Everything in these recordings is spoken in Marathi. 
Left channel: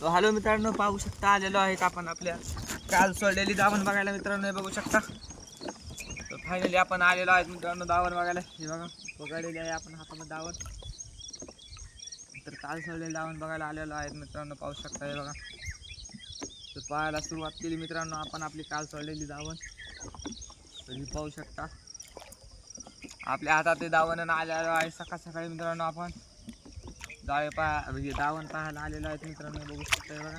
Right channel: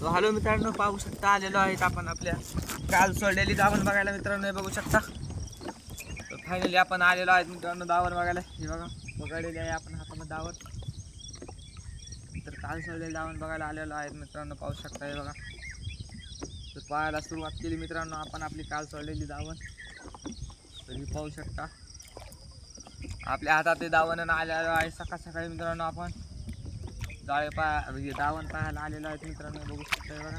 तो हॅलो मित्रांनो, पाहू शकता आलेलो आहेत आपण आपल्या काल सोडलेली दावण बघायला मित्रांनो. हे बघू शकता. तर फायनली आपण आलेलो आहेत मित्रांनो दावण बघायला. हे बघा पकडलेली आहे आपण हातामध्ये दावण. तर काल सोडलेली दावण बघायला आलेलो आहेत मित्रांनो, पाहू शकता. हे बघा तर पाहायला सुरुवात केली मित्रांनो आपण आपली काल सोडलेली दावण. तरी पाहू शकता आपल्या हातात ते दावण आलेलो आहे सकाळ सकाळी मित्रांनो. आपण जाळे म्हणजे दावण पाहायला आलेलो आहेत मित्रांनो. बघू शकता. हे बघा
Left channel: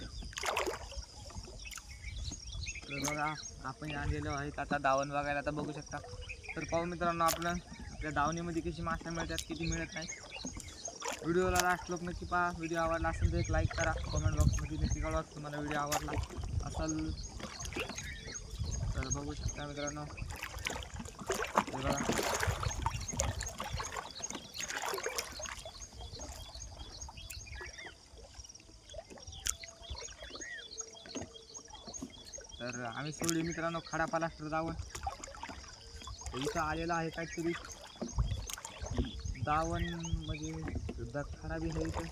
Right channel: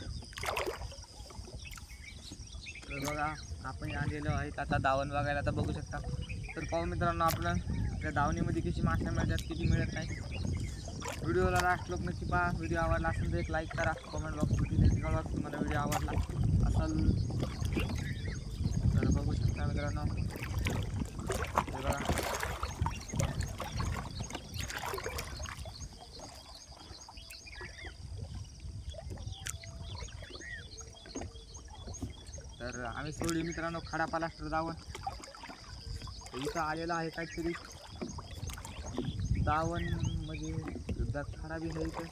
तर बघा आपण आलेलो आहेत आता दावण बघायला. आता बघू शकता. तर पाहू मित्रांनो आपलं त्या दावणीमध्ये किती मासे मिळतात किती मिळत नाही. व्हिडिओला लास्ट लोक नक्की पहा. व्हिडिओ आवडला असेल तर एक लाईक करा. कमेंट बॉक्समध्ये नक्की कळवा तुम्हाला व्हिडिओ आवडला असेल. तर बघू शकता मित्रांनो. हे बघा तर आम्ही सोडली मित्रांनो खडा पालास्टर दावण. इथं आलेला आहे काहीतरी दावण म्हणजे खडा बी आहे. इथं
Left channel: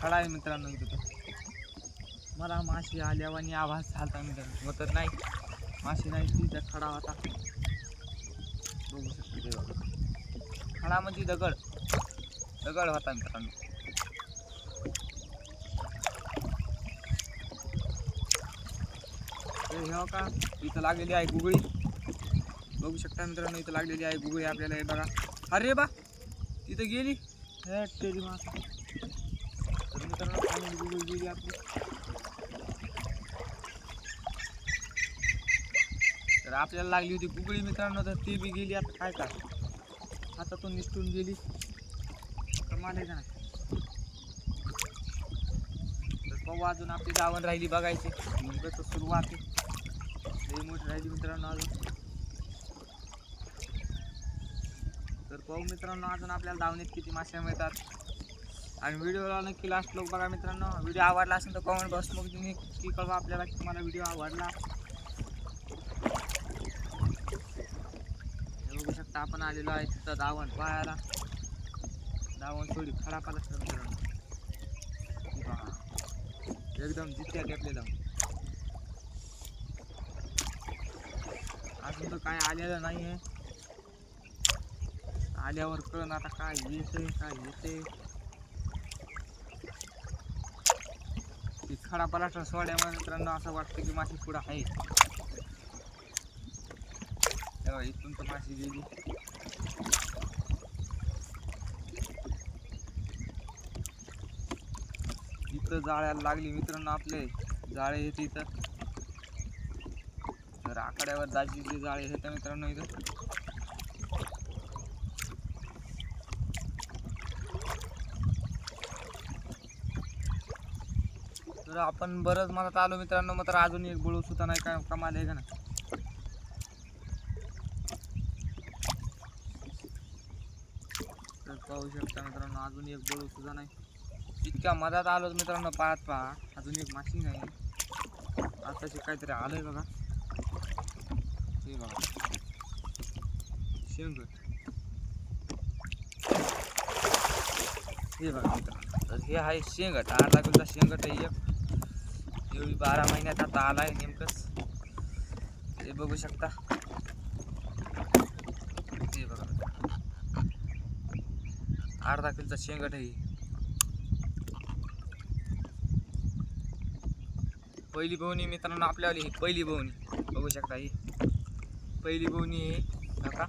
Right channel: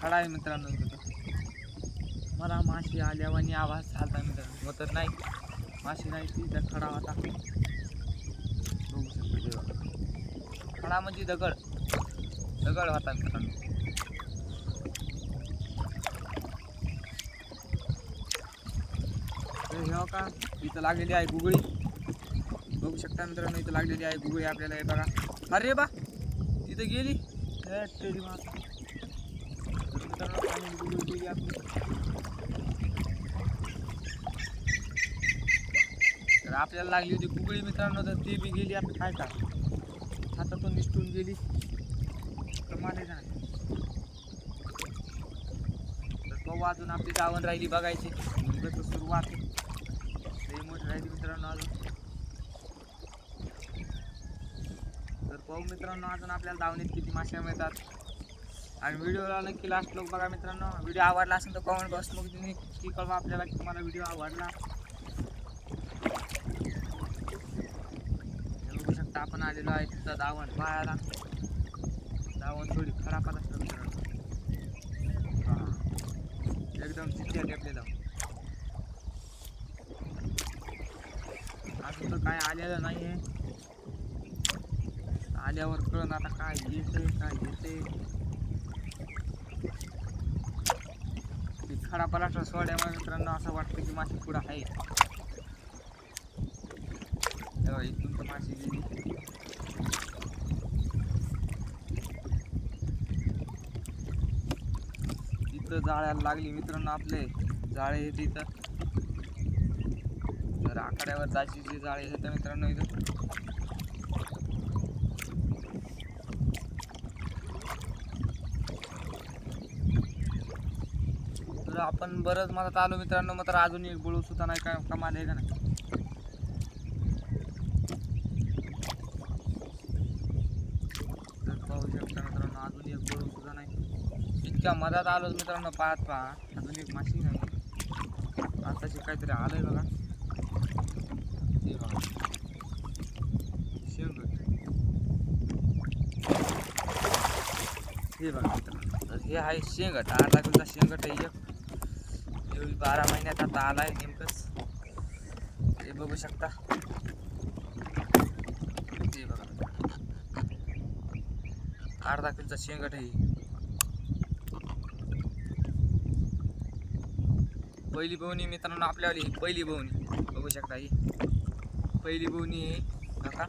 खडा आहे मित्रांनो. इथं मला माशी आल्यावानी आवाज झाला मित्रांनो. मग तर नाही माशी नाही ती त्या खडा होता. बघू शकता. ते बघा खडा म्हणजे दगड होता मित्रांनो. तर हे का इथं लागलेली आहे गुगळी. बघू शकता मित्रांनो इथं लागलेली आहे गुगळी आपल्याला. हे बघा अरे बा तिथं गेली टेडी मार. तर मित्रांनो फायनली गुगळी गेली आपली. तर आपल्याला लागली होती गुगळी मित्रांनो. तर ती बी गेली. आता काय का हातातून निसटून गेली. कमाल आहे का नाही. तर पाहू अजून आपली दावण राहिली बघायची. कसं सुरुवात आहे लई मोठी राहिली मित्रांनो अजून. तर पाहू मित्रांनो अजून आपल्याला दावणीत किती मासे मिळतात. आणि व्हिडिओला नक्की लास्ट लोक बघा मित्रांनो. व्हिडिओ आवडला असेल तर कमेंट बॉक्समध्ये नक्की कळवा आपल्याला की तुम्हाला व्हिडिओ आवडला. बघू शकता आपण आलेलो आहे तिथं दावण पाहायला. दावण थोडी खराब आला असतं मित्रांनो. एकदम जिथे टेपलेलं. अजून तर काय आलेलं नाही आहे. आल्यावर कळण आता काय येते काय येते. ती खडा पलास्टर सोड्यामुळे मित्रांनो असं वाटतं की माशी पुढं आहे. तेव्हा इथून तर माशी गेली. इथं जाळ्याला लागली मित्रांनो. आपले जाळे येते इथं. तर आखाड्यावर जायचे जाळे येतं मित्रांनो इथं. तर आपण बरंच मनात आलो मित्रांनो. मात्र अजून एक बळू सुद्धा नाही. काय कमाल आहे का नाही. तर पाहू शकता मित्रांनो अजून एक बळू सुद्धा नाही. इतक्या मधात आलो मित्रांनो. पाहत पहा अजून एक माशी नाही. आताशी काहीतरी आलंय बघा. हे बघा शेंगट. हे बघा मित्रांनो. तर हे आहे शेंगट. 8 किलोचा शेंगट आहे एक. हे 12 महिन्यात आता आलाय नेमकंच. हे बघू शकता. हे बघा मित्रांनो 8 किलोचा शेंगट आहे. पहिली बवणी मित्रांनो आपल्यावाली ही पहिली बवणी. बघू शकता ही पहिली बवणी आहे बघा.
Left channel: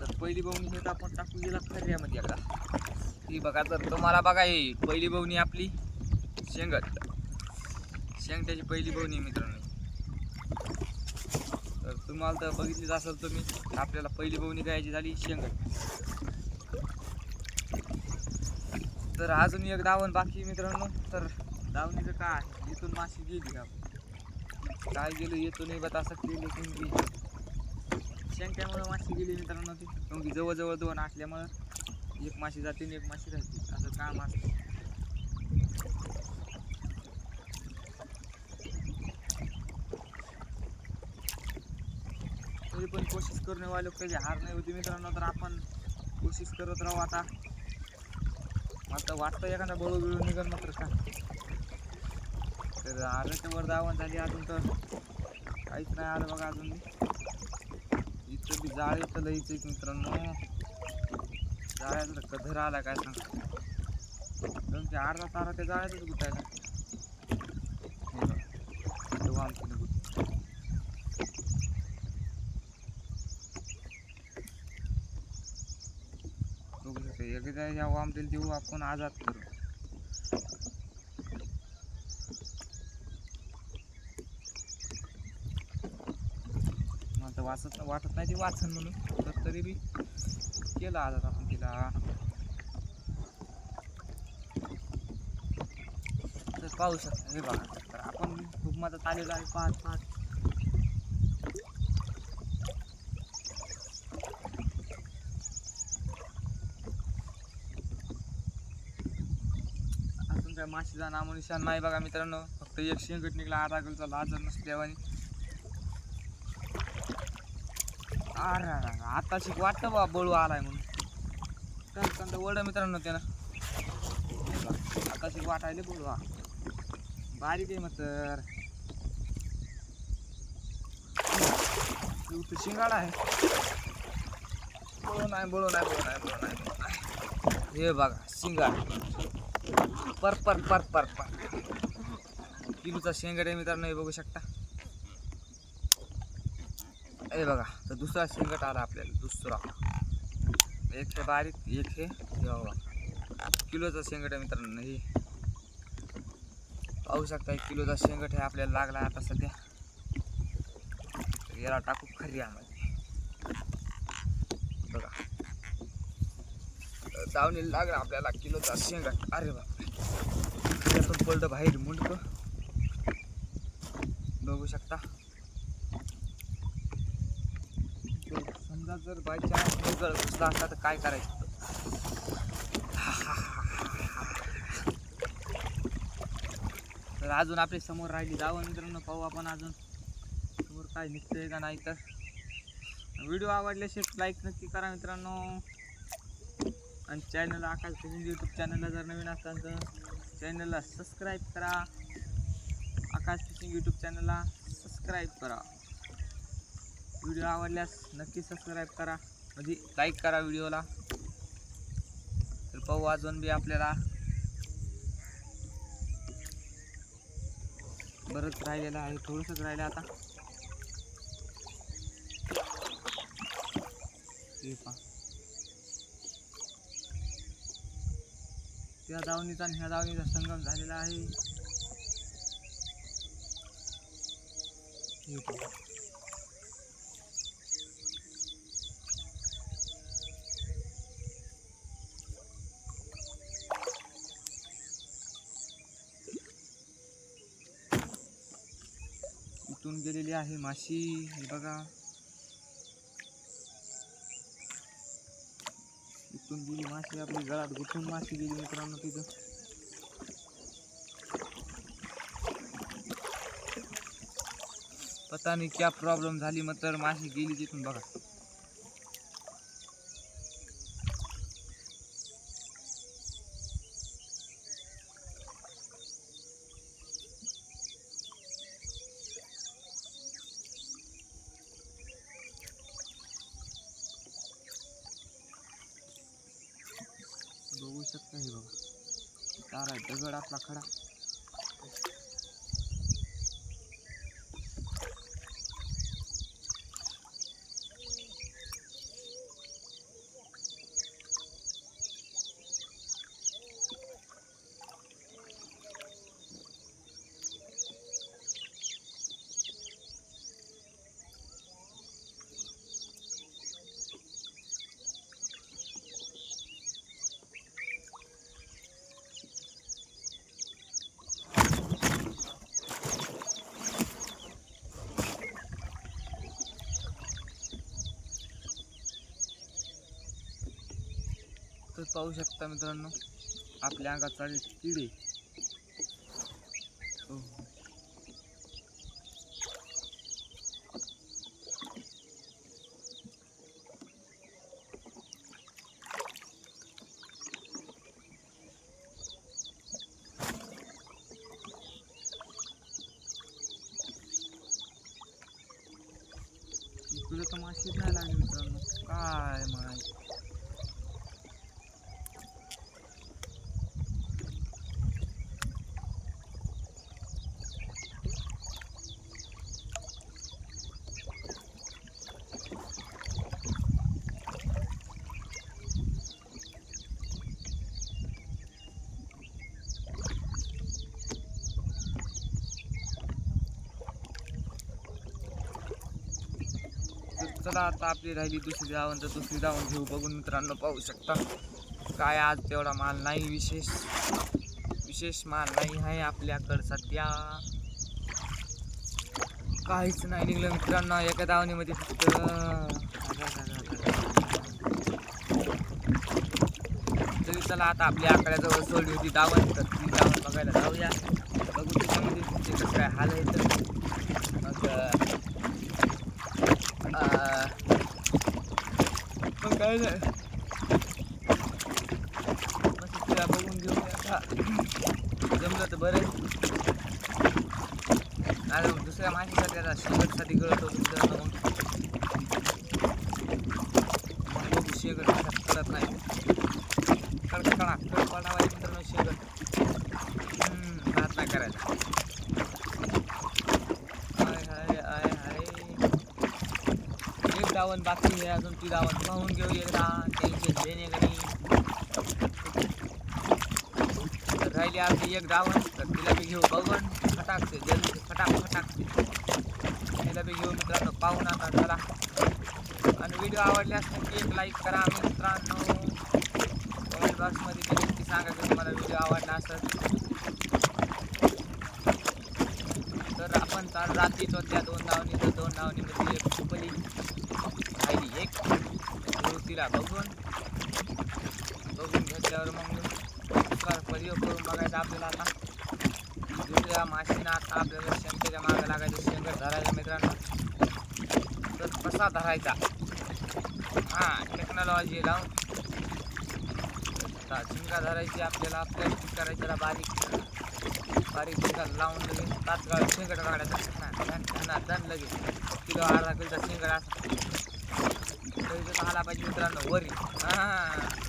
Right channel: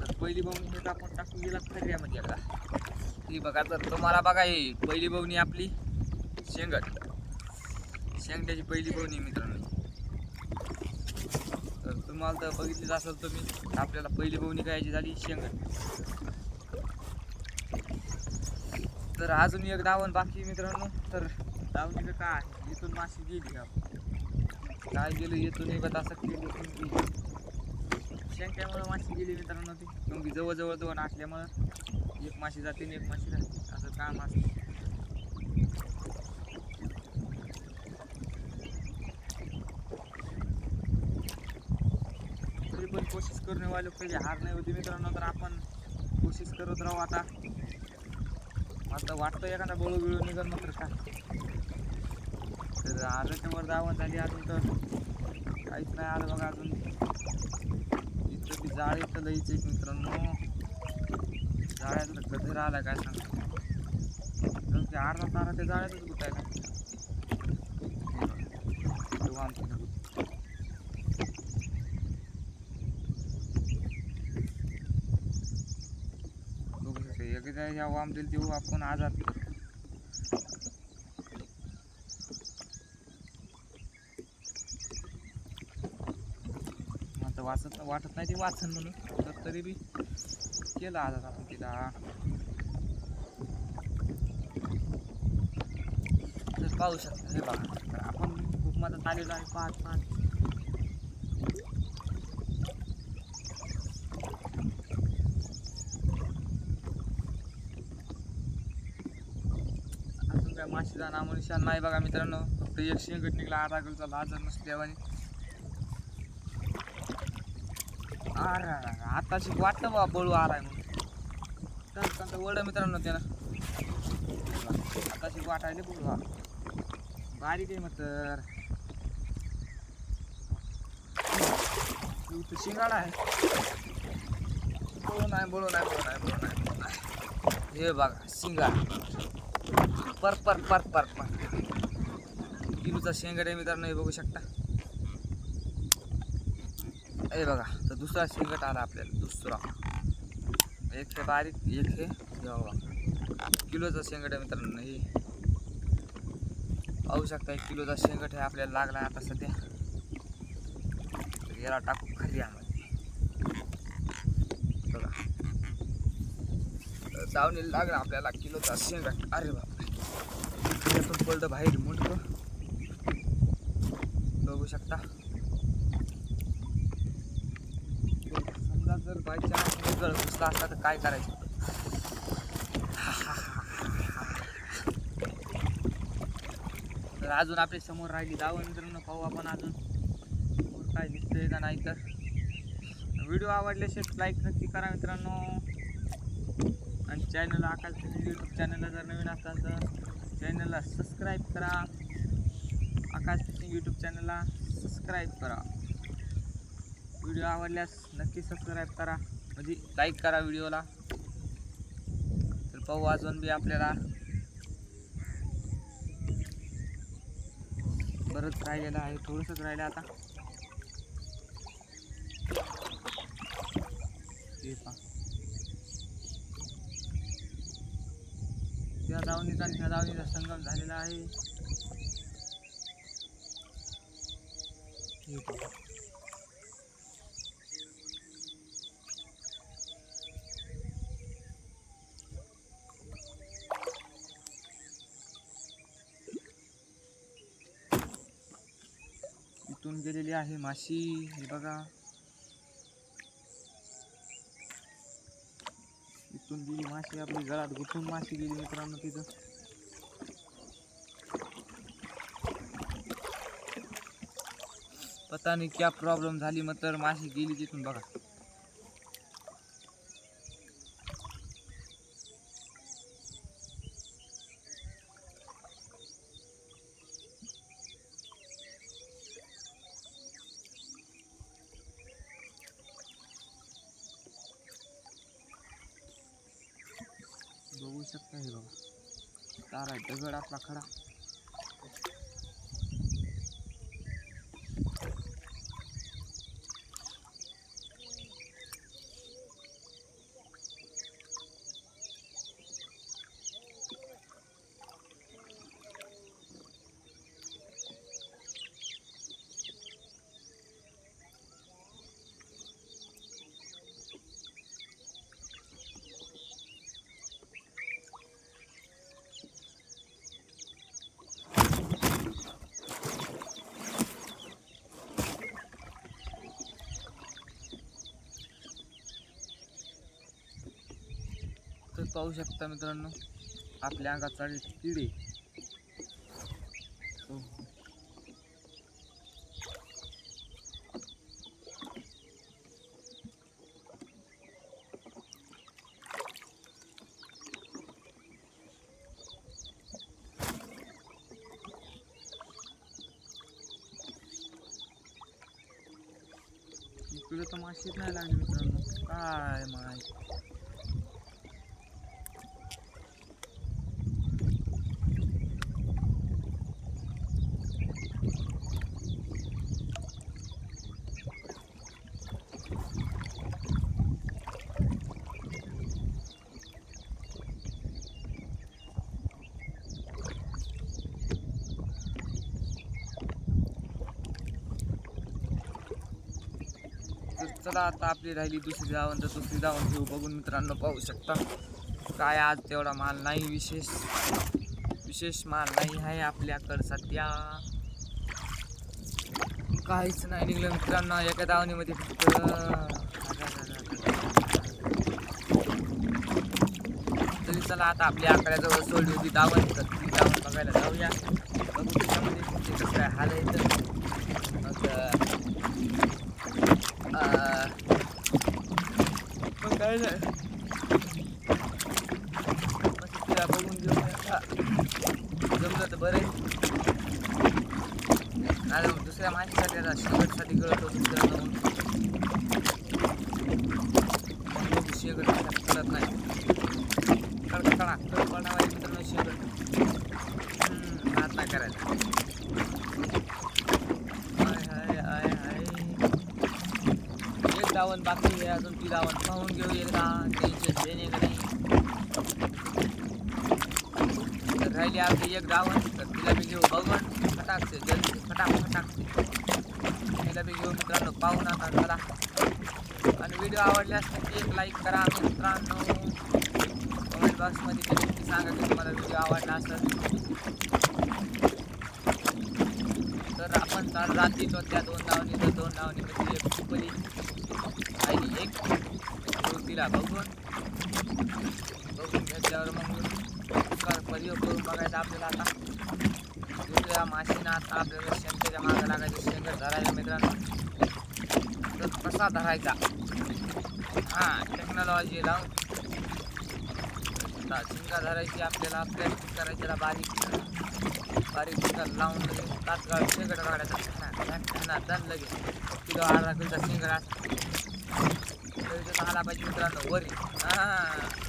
तर पहिली बवणी हे आपण टाकून गेला खर्यामध्ये एकदा. ही बघा तर तुम्हाला बघा ही पहिली बवणी आपली शेंगट. शेंगट्याची पहिली बवणी मित्रांनो. तर तुम्हाला तर बघितलीच असेल तुम्ही. आपल्याला पहिली बवणी गायची झाली शेंगट. तर अजून एक दावण बाकी मित्रांनो. तर दावणीचं काय इथून माशी गेली काय गेलो येतो नाही बट असं केली की शेंगट्यामुळं माशी गेली मित्रांनो. ती मग जवळजवळ 2 असल्यामुळं एक माशी जाते आणि एक माशी राहते असं काम असतं. तरी पण कोशिश करणे वाले कधी हार नाही होती मित्रांनो. तर आपण कोशिश करत राहू आता. मला तर वाटतं एखादा बळू बिळू निघल मात्र काय. तर आरच्या वर दावण झाली अजून तर काहीच नाही आलं बघा अजून. इथं बी जाळ इथं लईच एक मित्रांनो, जाळ्याचा गधर आला काय सांगा. कारण की अर्धा तारा त्या जाळ्यातच गुतायला. आमची नगुत बघू शकते एकदा ह्या वाम दिल देऊ आपण आजाद करू. मला वाटत नाही ती वाचन म्हणून, तर तरी बी केला आजाद आपण तिला. तर पाहू शकता हे बघा, तर आपण खूप मदत आलेलो आहे. पाच पाच अजून काय माशीचा नामोनिशान नाही बघा मित्रांनो. फक्त एक शेंगट निघला आधा किलोचा लाजर नसल्यावानी. अरे आताशी वाटतं बा बळू आलाय म्हणून. तर वड मित्रांनो त्याला आताशी वाटायले बळू हा बारीक आहे मग. तर शिंगाडा आहे. बळू नाही बळू नाही बळू नाही बळू नाही बळू नाही. हे बघा शिंगाड पर पर पर पर पर किलोचा शेंगड आहे मित्रांनो. हे बघू शकता हे बघा. तर दुसरा शेंगट आला आपल्याला, दुसरा. एक हे बारीक, एक हे बघा किलोचा शेंगट आहे मित्रांनो. हे पाहू शकता 1 किलोचा शेंगट हे आपल्याला लागला आता सध्या. तर याला टाकू खर्यामध्ये बघा. दावणीला लागला आपल्याला किलोचा शेंगट. अरे बापरे, खऱ्यातून पडलं बाहेर मुंडकं बघू शकता. समजा जर बाय चान्स गळ घुसला असता तर काय करायचं. तर अजून आपल्या समोर राहिली दावण मित्रांनो. पाहू आपण अजून समोर काय निघतंय का नाही. तर व्हिडिओ आवडल्याशिवाय लाईक नक्की करा मित्रांनो. आणि चॅनल आकाश फिशिंग यूट्यूब चॅनलला जर नवीन असाल तर चॅनलला सबस्क्राईब करा. आकाश फिशिंग यूट्यूब चॅनलला सबस्क्राईब करा. व्हिडिओ आवडल्यास नक्की सबस्क्राईब करा, म्हणजे लाईक करा व्हिडिओला. तर पाहू अजून बी आपल्याला बरंच राहिलेलं आहे, थोडंसंच राहिलं आता. हे पहा त्या दावणीचा आणि ह्या दावणीचा संगम झालेला आहे. हे पहा इथून गेलेली आहे माशी. हे बघा इथून गेली माशी, आपली गळात गुंतून माशी गेली मित्रांनो. तिथं पता नाही क्या प्रॉब्लेम झाली, मग तर माशी गेली तिथून बघा. बघू शकता हे बघा, तारा दगड आपला खडा. तर पाहू शकता मित्रांनो आपल्या अंगात चालले किडे. हो इकडे तर माशीच नाही लागली मित्रांनो, काय माहिती. तर चला आता आपली राहिली दुसरी धावण, तर दुसरी धावण घेऊ. बघून मित्रांनो पाहू शकता काय आज तेवढा माल नाही, विशेष माल नाही आहे आपल्याकडं सध्या. काहीच नाही निघलं मित्रांनो एका धावणीमध्ये फक्त. तरी चला आता आपल्या आकड्याजवळ सोडली होती धावण, तर ती धावण बघायला जाऊया. बघू त्याच्यामध्ये तुमचे कसं काय हाल आहे. तर मग काय नाही, मग तिला बघून घेऊया का, जमलं तर बरं आहे. नाही मग दुसऱ्या माणसासाठी आता शेगटसाठी गळत होतो मित्रांनो. मग बघू शेगट कळत नाही, कडकडा कडपडावा मित्रांनो शेगट. भात नाही करायचा. हाय हाय हाय हाय, एक धावण बाकी आहे अजून, ती धावण पाहून घेऊ एकदा, टेन्शन देणे का नाही. तर राहिली आपली एक धावण, तर तिला बी घेऊ बघून फटाकते जल्दी फटाकते. तिला बी घेऊ मित्रांनो पाहून आता चला. आणि व्हिडिओ आवडल्यास नक्की एक लाईक करा मित्रांनो. कमेंट बॉक्समध्ये नक्की सांगा की तुम्हाला व्हिडिओ आवडला असेल. तर आपण चाल रात्रीच त्या दोन धावणीमध्ये एक सुपली राहिली एक, तिला बघून घेतल्यावर मग प्रयोग करून बघायचा आपल्याला. आता दुसऱ्या माशीनं आता आपल्याला शेंगच्या मागं लागायचं, शेंगट धरायचा मित्रांनो. तर कसा धरायचा, टेक्नॉलॉजी लावून झिंगा धरायची आपल्याला, प्लॅस्टिक करायची त्याला बारीक झिंगा लावून लगेच तात्काळ शेंगट काढायचा. धन लगेच किलो अर्धा किलोचा शेंगट असा तरी त्याचा आला पाहिजे मित्रांनो वरी.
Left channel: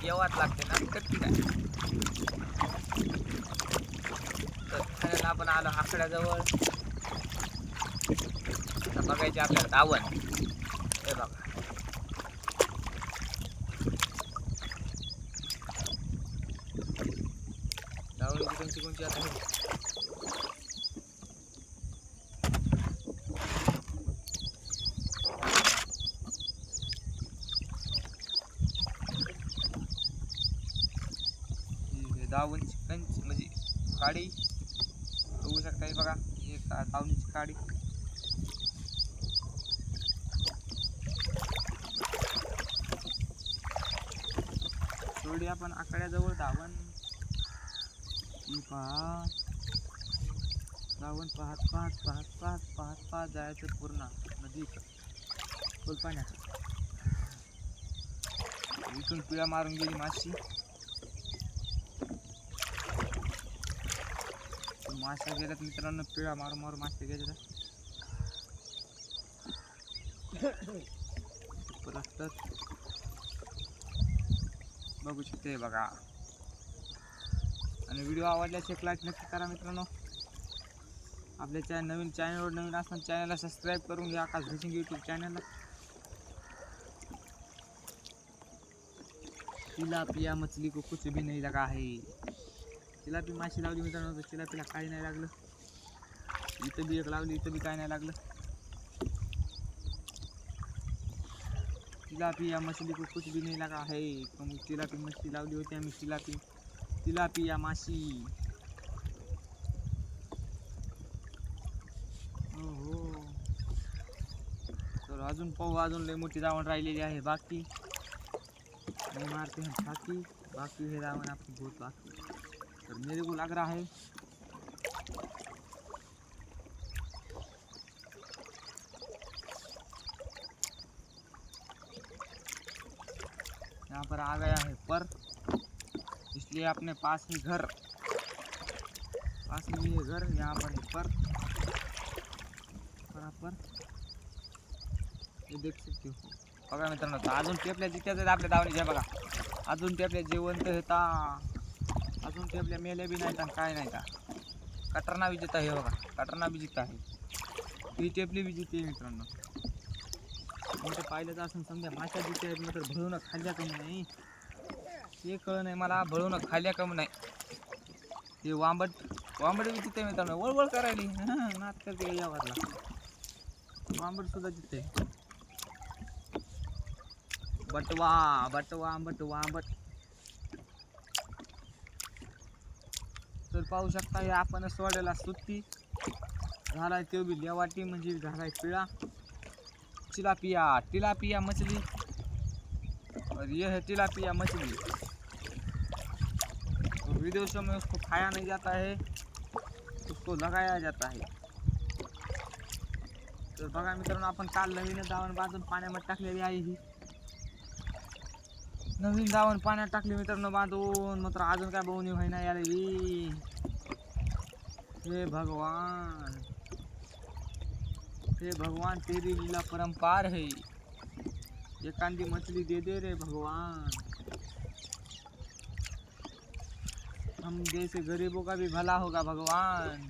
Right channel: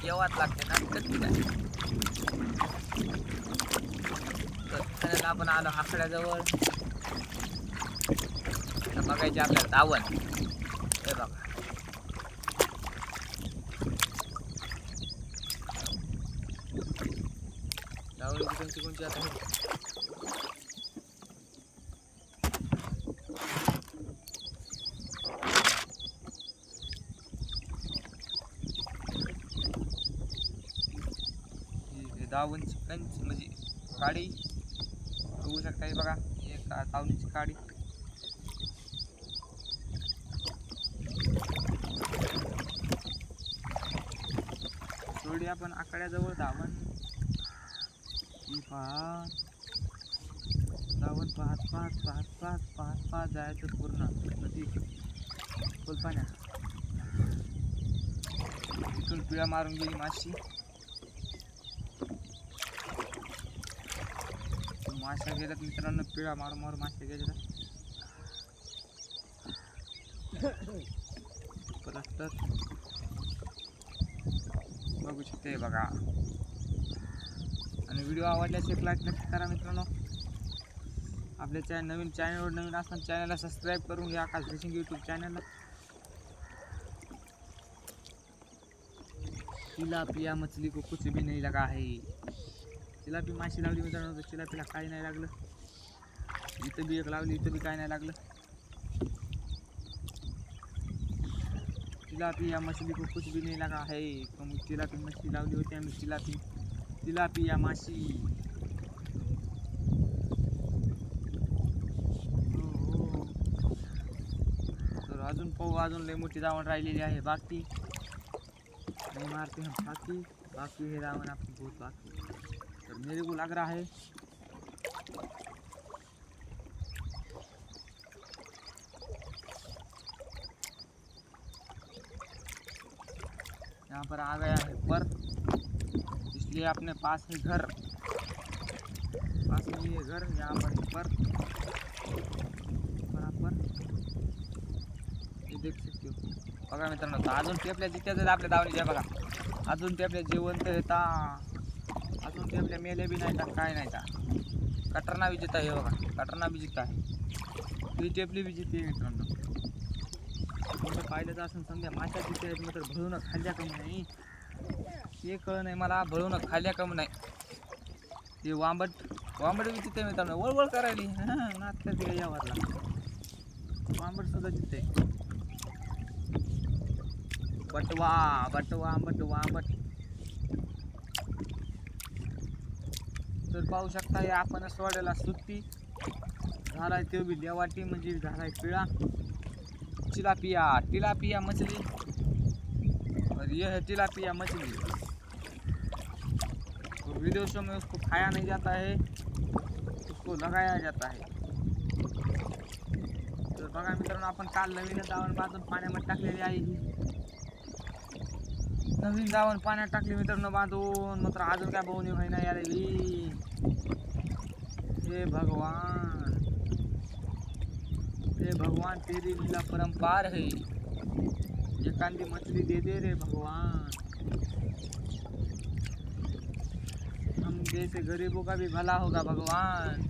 येवाच लागते ना कट्टी काय. तर खाण्याला आपण आलो आकड्याजवळ. आता बघायचे आपल्याला धावण. हे बघा धावणीची कोणची आता हे धावणची कंची म्हणजे काडी बघू शकता. हे बघा एक धावणीची काडी. सोडी आपण आकड्याजवळ धावण. ही पाहत धावण पाहत जायचं पूर्ण नदी फुलपाण्यात. इथून पिळा मारून गेली माशी. माशा गेल्यात मित्रांनो, पिळा मारून माशा गेल्या. परत बघू शकते बघा. आणि व्हिडिओ आवडल्यास एक लाईक नक्की करा मित्रांनो. आपल्या नवीन असताना चॅनलला सबस्क्राईब करून घ्या, आकाश फिशिंग यूट्यूब चॅनलला. तिलापिया मछली को कुछ भी नहीं लगा है. तिलापी माशी लावली मित्रांनो, तर तिलापीला काही नाही लागलं. इथं बी एक लावली, इथं बी काय नाही लागलं. तिलापिया मछली को कुछ भी नहीं लगा है. मग तिलापी मछली लावली होती आम्ही. तिलापिया माशी. तर अजून पाहू, अजून लय मोठी धावण राहिलेली आहे बाकी. नहीं मारते हैं बाकी है धावण आपकी बहुत बाकी. तर मेरे को लग रहा है यहाँ पर आ गया है पर, इसलिए अपने पास में घर, पास में ये घर, यहाँ पर है पर बराबर हे देख शकते बघा मित्रांनो. अजून टेपल्या जित्याच आहेत आपल्या दावणीच्या बघा. अजून टेपल्या जिवंत येता, अजून टेपल्या मेल्या बी नाहीत काय नाही का. कटरना बी जिता आहे बघा, कटरना बी जिता आहे. ही टेपली बी जिते मित्रांनो. तुम्ही पाहिलं तर असं समजा माशा जिते आहेत मात्र भळून खाल्ल्या कमी नाही. ते कळ नाही मला, भळून खाल्ल्या कमी नाही. ते वांबट बी जिते मित्रांनो, वळवळ करायली नाच करते का यावरला. वांबट सुद्धा जिते. बटवा आंबट. तर पाहू शकता हे आपण सोडलेला सुट्टी झालाय, तो बी लेवाटी म्हणजे झालाय पिळा. टिलापिया मछली, और ये है टिलापिया मछली. तो विदेशों में उसको खाया नहीं जाता है, उसको लगाया जाता है. तर बघा मित्रांनो, आपण काल नवीन दावण बांधून पाण्यामध्ये टाकलेली आहे. ही नवीन दावण पाण्यात टाकली मित्रांनो बांधून, मात्र अजून काय बहुनी व्हायना यार. हे भगवान तेरी लीला परम्पार है. एकांदी मछली दे दे रे भगवान, हम जैसे गरीबों का भी भला होगा भगवान.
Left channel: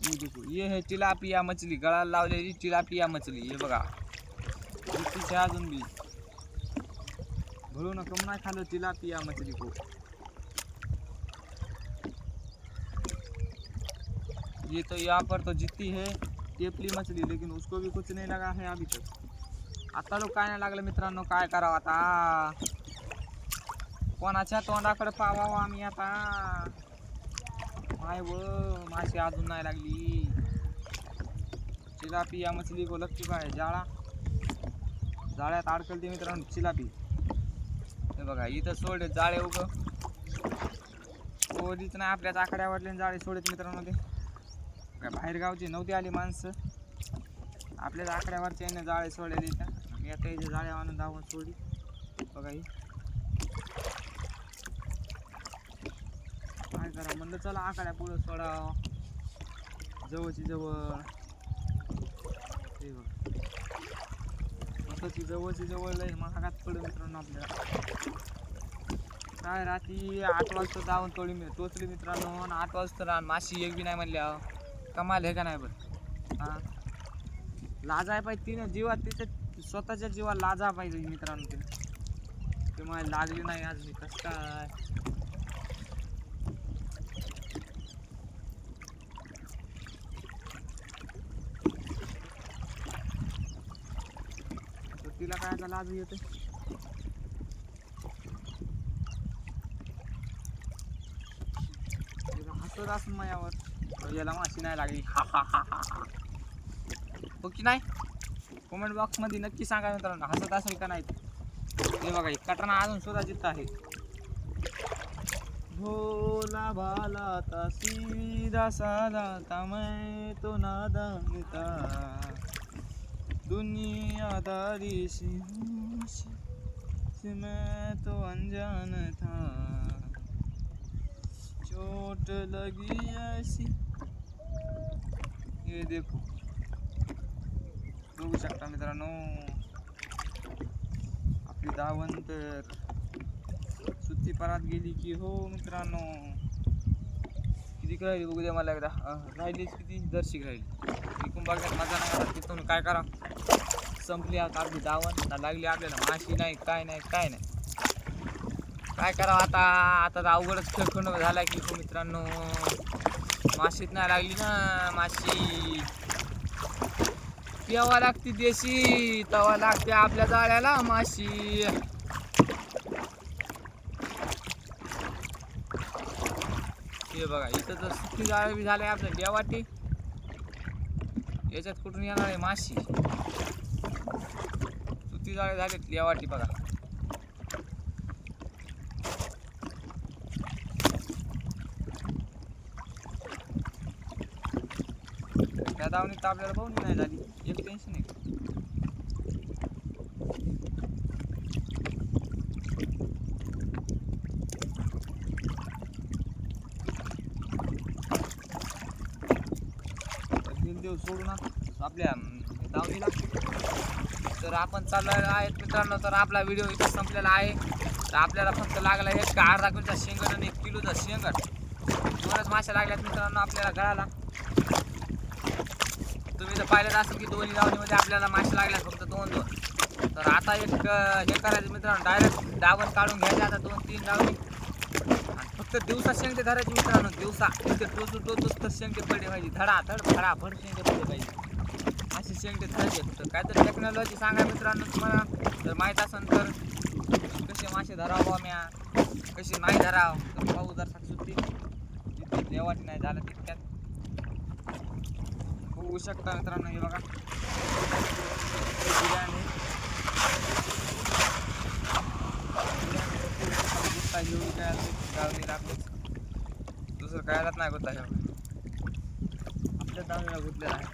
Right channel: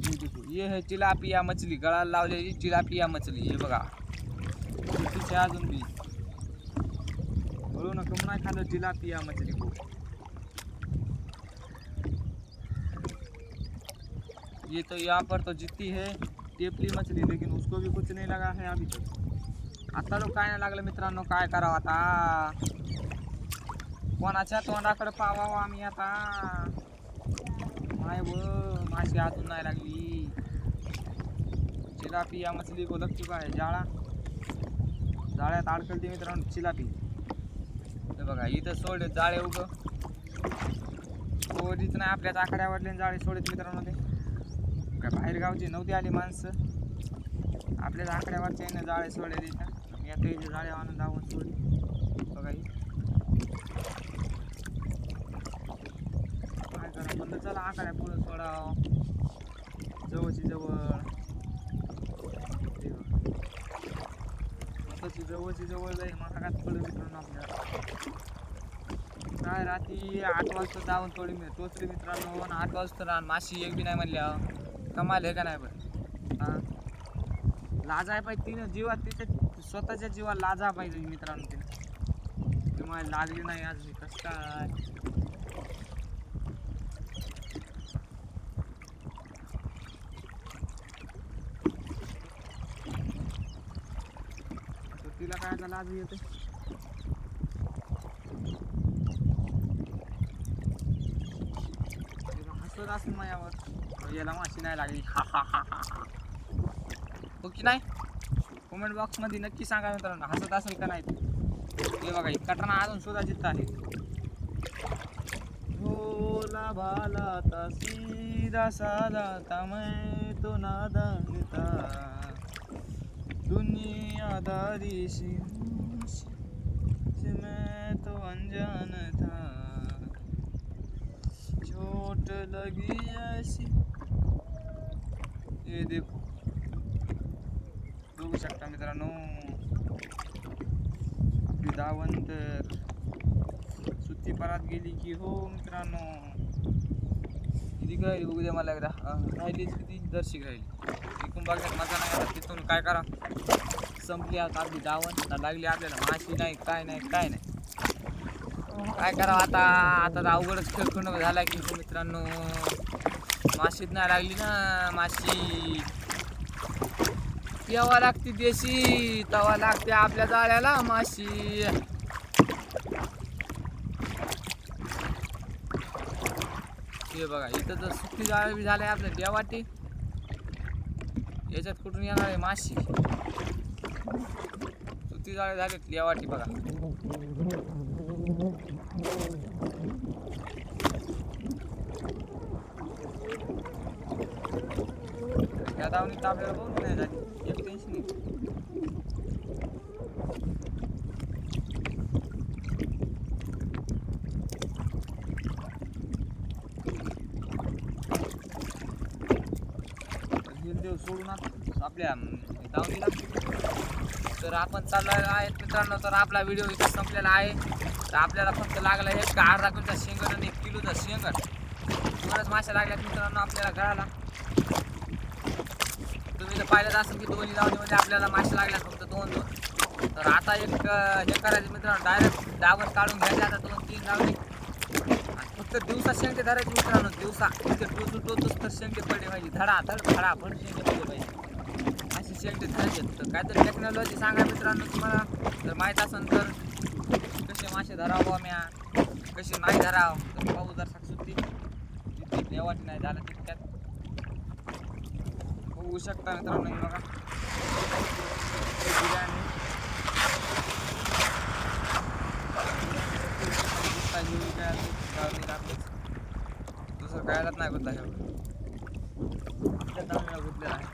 ये देखो, ये है टिलापिया मछली, गळाला लावलेली टिलापिया मछली. हे बघा कितीचे अजून बी बोलो ना, कम ना खा लो टिलापिया मछली को. ये तो यहाँ पर तो जितती है टेपली मछली, लेकिन उसको भी कुछ नहीं लगा है अभी तक. आता लोक काय नाही लागलं मित्रांनो, काय करावं आता. कोणाच्या तोंडाकडे पावावं आम्ही आता. माय व माशी अजून नाही लागली. चिलापिया मछली को लग चुका है जाळा. जाळ्यात अडकलते मित्रांनो चिलापी. हे बघा इथं सोडले जाळे उग सोडीच नाही, आपल्याच आकड्यावरले जाळे सोडत मित्रांनो. ते काय बाहेर गावची नव्हती आली माणसं, आपल्याच आकड्यावरचे जाळे सोडले इथं. मी आता इथे जाळे आणून दावून सोडी बघा. ही काय करा म्हणलं, चला आकड्या पुढं सोडाव जवळची जवळ. जवळची जवळ जाईल महागात पडलं मित्रांनो आपल्याला. काय रात्री 8 वाजता दावून थोडी टोचली मित्रांनो, 8 वाजता रान माशी एक बी नाही म्हणल्या. कमाल आहे का नाही बरं. हां लाजा पाहिजे तिनं, जीवात तिच्या स्वतःच्या जीवाला लाजा पाहिजे मित्रांनो. तिनं ती मला लागली नाही आज मी कसं काय. तिला काय आता लाज येते. हसत असून माझ्यावर, याला माशी नाही लागली हा हा हा हा हा. हो की नाही, कमेंट बॉक्स मध्ये नक्की सांगा मित्रांनो, हसत असेल का नाही. हे बघा कटना अजून सुद्धा जिथं आहे. भोला भाला था सीधा साधा था, मैं तो नादान था, दुनियादारी से मैं तो अनजान था, चोट लगी ऐसी. ये देखो बघू शकता मित्रांनो, आपली दावण तर सुट्टी परत गेली की हो मित्रांनो. किती राहिली बघू द्या मला एकदा. राहिलीच किती, दर्शिक राहिली. इकून बघण्यात मजा नाही आला. तिथून काय करा, संपली आता आपली दावण ना, लागली आपल्याला माशी नाही काय नाही काय नाही. काय करावं आता. आता तर अवघडच खेळ झाला की हो मित्रांनो. माशीत नाही लागली ना माशी. प्यावा लागते देशी, तवा लागते आपल्या जाळ्याला माशी. हे बघा इथं तर सुट्टी जाळे बी झाले आपल्या देवाटी. याच्यात कुठून येणार आहे माशी. सुट्टी जाळे झाले देवाटी बघा. त्या दावणीत आपल्याला बघून नाही झाली, एक टेन्शन नाही. सोडून आपल्या दावणीला. तर आपण चाललो आहेत मित्रांनो. तर आपला व्हिडिओ इथं संपलेला आहे. तर आपल्याला फक्त लागला एक अर्धा किलोचा शेंगट आणि 1 किलोचा शेंगट. दोनच मासे लागल्यात मित्रांनो आपल्याला गळाला. तुम्ही तर पाहिलं असेल की दोन्ही दावणीमध्ये आपल्याला मासे लागल्यात फक्त 2-2. तर आता एक हे करायचं मित्रांनो, डायरेक्ट दावण काढून घ्यायचे. आता 2-3 दावणी फक्त दिवसा शेंगटे धरायचे मित्रांनो. दिवसा इतके टोचूच तर शेंगटे पडले पाहिजे. धडाधड फडाफड शेंगटे पडले पाहिजे असे शेंगटे धरायचे. तर काय तर टेक्नॉलॉजी सांगा मित्रांनो तुम्हाला जर माहीत असेल तर. कसे मासे धरावं म्या, कसे नाही धरावं. तर पाहू जर सुट्टी तिथे देवाटी नाही झालं तितक्यात होऊ शकता मित्रांनो. हे बघा दुसरं कायलाच नाही गुतला. आपल्या दावणीला गुतलेला आहे.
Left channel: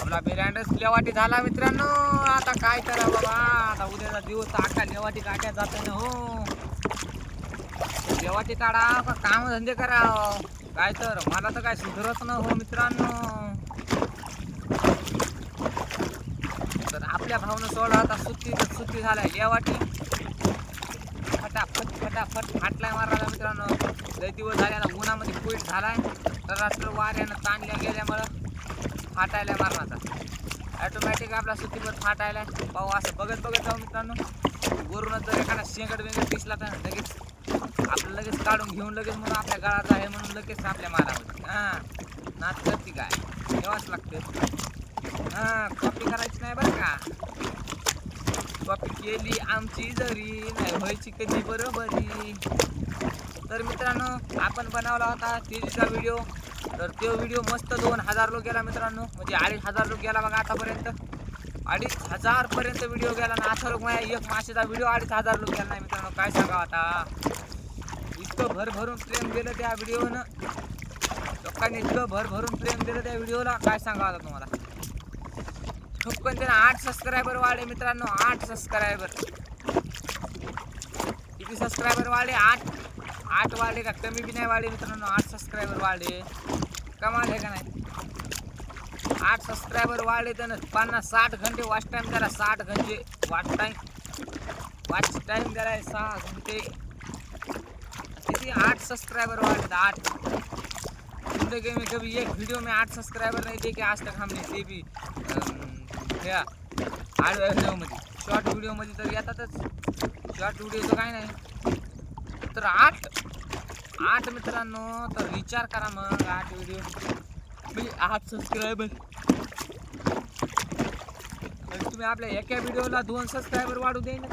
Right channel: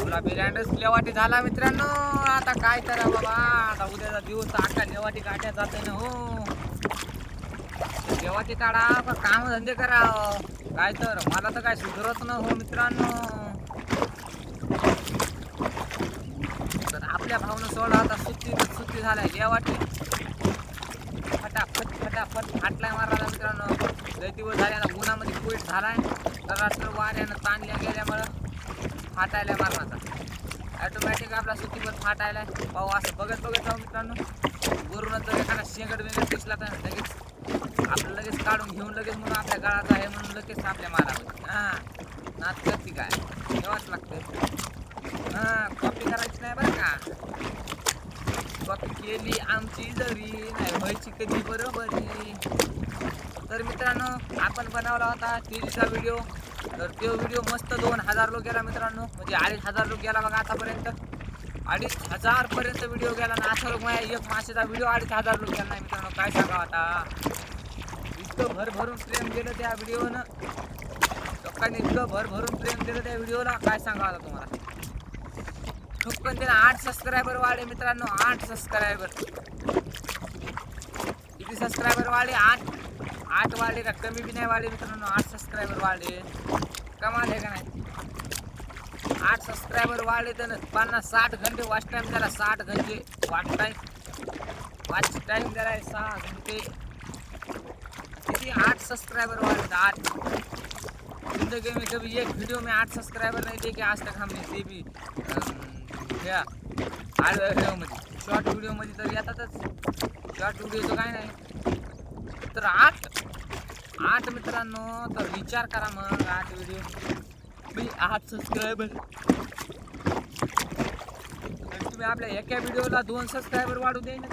आपला बिर्याणीच लेवाटी झाला मित्रांनो. आता काय करा बाबा, आता उद्याचा दिवस अख्खा लेवाटी काट्या जाते ना हो. लेवाटी काढा का काम धंदे करा काय. तर मला तर काय सुधरत न हो मित्रांनो. तर आपल्या भावनं सोडा आता सुट्टी झालाय. लेवाटी फटाफट फाटलाय मारला मित्रांनो. लय दिवस झाले आता उन्हामध्ये कोईट झालाय. तर वाऱ्यानं ताणल्या गेल्यामुळं फाटायला मारणाचा ॲटोमॅटिक आपला सुट्टीवर फाटायला. पाहू असं बघत जाऊ मित्रांनो. वरूनच जर एखादा शेंगट दिसला तर लगेच आपलं लगेच काढून घेऊन लगेच म्हणून आपल्या गळाचा आहे म्हणून लगेच आपल्या मारावं. हां नाच करते काय ठेवाच लागतं. हां कॉपी करायची नाही बरं का. कॉपी केली आमची जरी नाही व्हायची कधी बरोबरी. तर मित्रांनो आपण बनवला होता तेलीचा व्हिडिओ. तर तो व्हिडिओ मस्त 2000 लोक गेला मित्रांनो. म्हणजे 2500 लोक गेला बघा आतापर्यंत. 2500 पर्यंत व्हिडिओ गेला ना. असा लोक माझ्या एक मासेचा व्हिडिओ 2500 लोक गेला नाही मित्रांनो. काय सांगावं आता. इतकं भरभरून प्रेम दिलं त्या व्हिडिओनं. लोकांनी इतकं भरभरून प्रेम दिलं त्या व्हिडिओला काय सांगावं आता तुम्हाला. ठोकन त्याला 8 सबस्क्रायबर वाढले मित्रांनो. 8 सबस्क्रायबर. किती सबस्क्रायबर वाढले? 8 वाढले का कमी बी नाही वाढले मित्रांनो. 8 सबस्क्रायबर वाढले. कमाल आहे का नाही. 8 सबस्क्रायबर वाढले तर 50-60 घंटे वॉच टाइम द्याला. 60 घंटे वॉच टाइम द्याला आहे 6 घंटे. किती 8 सबस्क्राइबर वाले 8. जिंदगी में कभी एक वीडियो में 8 सबस्क्राइबर नहीं देखे आज तक हमने. ते भी क्या आडव्या व्हिडिओमध्ये शॉर्ट व्हिडिओमध्ये तर येतातच. शॉर्ट व्हिडिओचं काय नाही. तर 8 मित्रांनो. तर विचार करा मग 8 व्हिडिओ म्हणजे 8 सबस्क्रायबर. तुम्ही आपल्या एका व्हिडिओला 2 सबस्क्रायबर वाढू दे ना.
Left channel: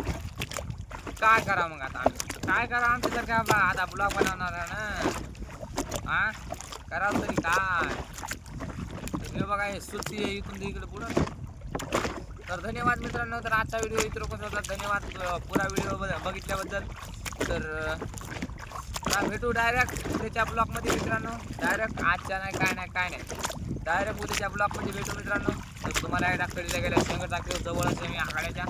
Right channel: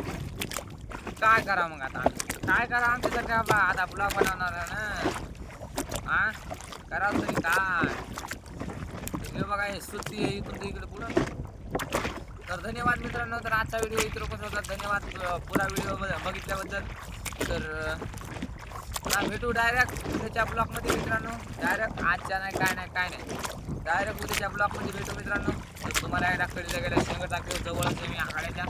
काय करा मग आता आम्ही काय करा. आमच्यासारखा आता ब्लॉग बनवणार आहे ना. हां करावं तरी काय. तर हे बघा हे सुट्टी आहे इथून इकडे पुढं. तर धन्यवाद मित्रांनो. तर आजचा व्हिडिओ इथं कसं होता. धन्यवाद पुरा व्हिडिओ बघितल्याबद्दल. तर भेटू डायरेक्ट उद्याच्या ब्लॉगमध्ये मित्रांनो. डायरेक्ट आजच्या नाही काय नाही डायरेक्ट उद्याच्या ब्लॉगमध्ये भेटू मित्रांनो. तर तुम्हाला एकदा कडीला गेल्या शेंगट दाखव जवळच आहे मी आखाड्याच्या.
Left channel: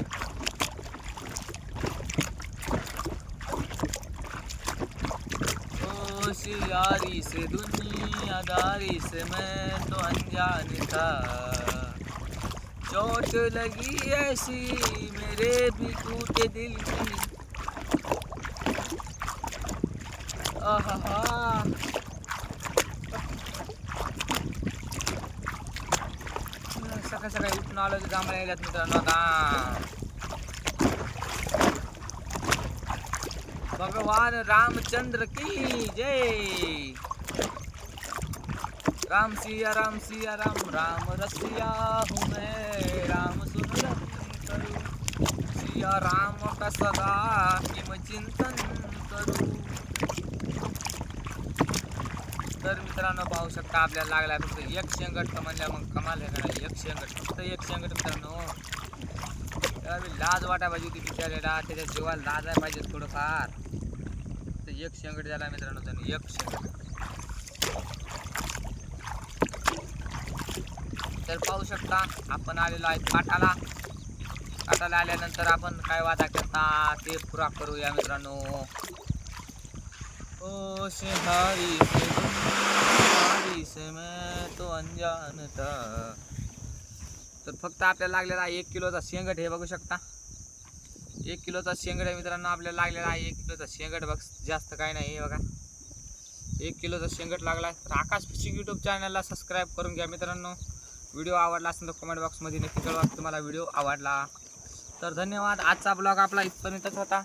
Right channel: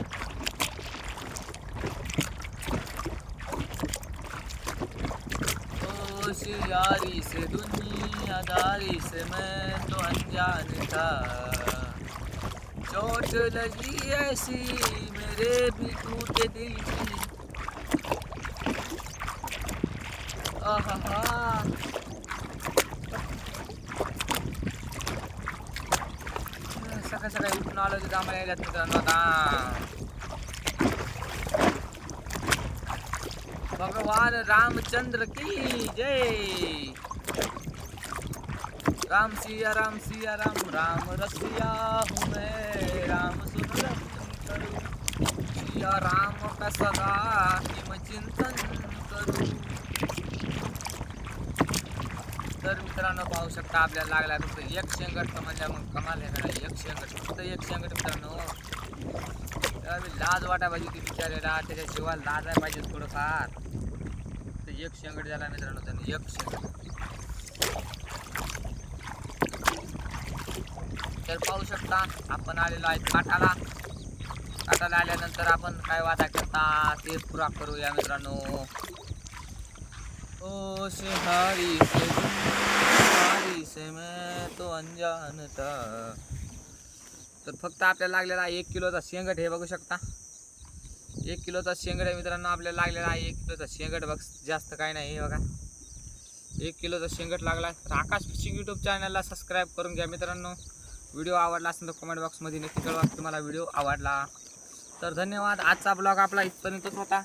यारी से दुनियादारी से मैं तो अनजान था. चोट लगी ऐसी मेरे भी टूटे दिल की. आहा सकाळी उठून आलो की जांभळ्या यायल्यात मित्रांनो. आता भगवान रामचंद्र की जय. राम सिया राम राम रसिया हूँ मैं. राम सुन रही करूँ सिया राम का सदा किम चिंतन करूँ. तर मित्रांनो पाहू शकता आपल्याला लागला फक्त एक शेंगट. म्हणजे मग कमाल आहे का नाही. एक शेंगट फक्त एक शेंगट मित्रांनो. त्यावेळी लाज वाटाय पाहिजे ती बिचारेला. त्याच्या जीवाला लाज आहे पाहिजे थोडंफार. तर एक शेंगट झाला मित्रांनो. त्याने एक शेंगट. तर पाहू शकता आपण आलेलो आहे काटाला आल्यानंतर आपण काय वादा करता ते पुरा करूया मित्रांनो. ओ शेहारी से मैं तो अनजान था. तर फक्त आपल्याला लागलेला आहे 1 किलोचा शेंगट. हे बघू शकता 1 किलोचा शेंगट आहे मित्रांनो. आपल्याला लागलेला आहे 1 किलोचा शेंगट. बघ जास्त काय नाही. हे बघा 1 किलोचा शेंगट लागला. तर आकाश फिशिंग यूट्यूब चॅनलला सबस्क्राईब करून घ्या मित्रांनो. व्हिडिओ आवडला असेल तर कमेंट बॉक्समध्ये नक्की कळवा तुम्हाला व्हिडिओ आवडला. तर धन्यवाद. आजचा ब्लॉग आपला इथपर्यंतच होता.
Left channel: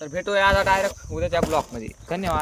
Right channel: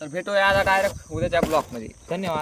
तर भेटूया आता डायरेक्ट उद्याच्या ब्लॉगमध्ये. धन्यवाद.